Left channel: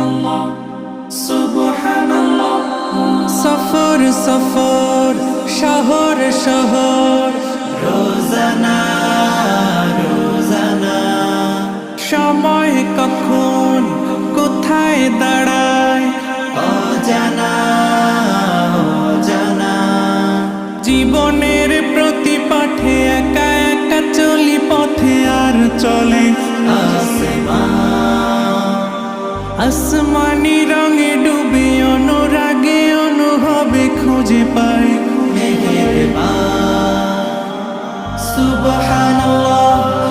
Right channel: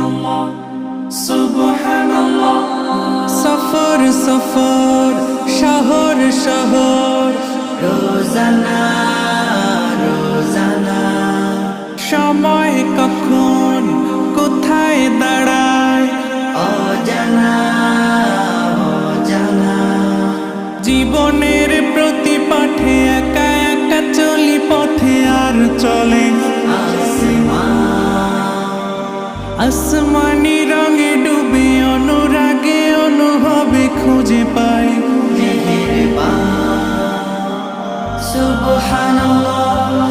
সুবহানাল্লাহ সুবহানাল্লাহ। সফর সফর শহর শহর রোজানা রোজানা সময় কখন কোথায় দাঁড়ায় অজানা অজানা। জীবনের প্রতি পাঠে একা একা চলি পথে আর চলে আসমানি রঙে ডুবে অনুরাগে অনুভবে খুঁজে পাই সুবহানাল্লাহ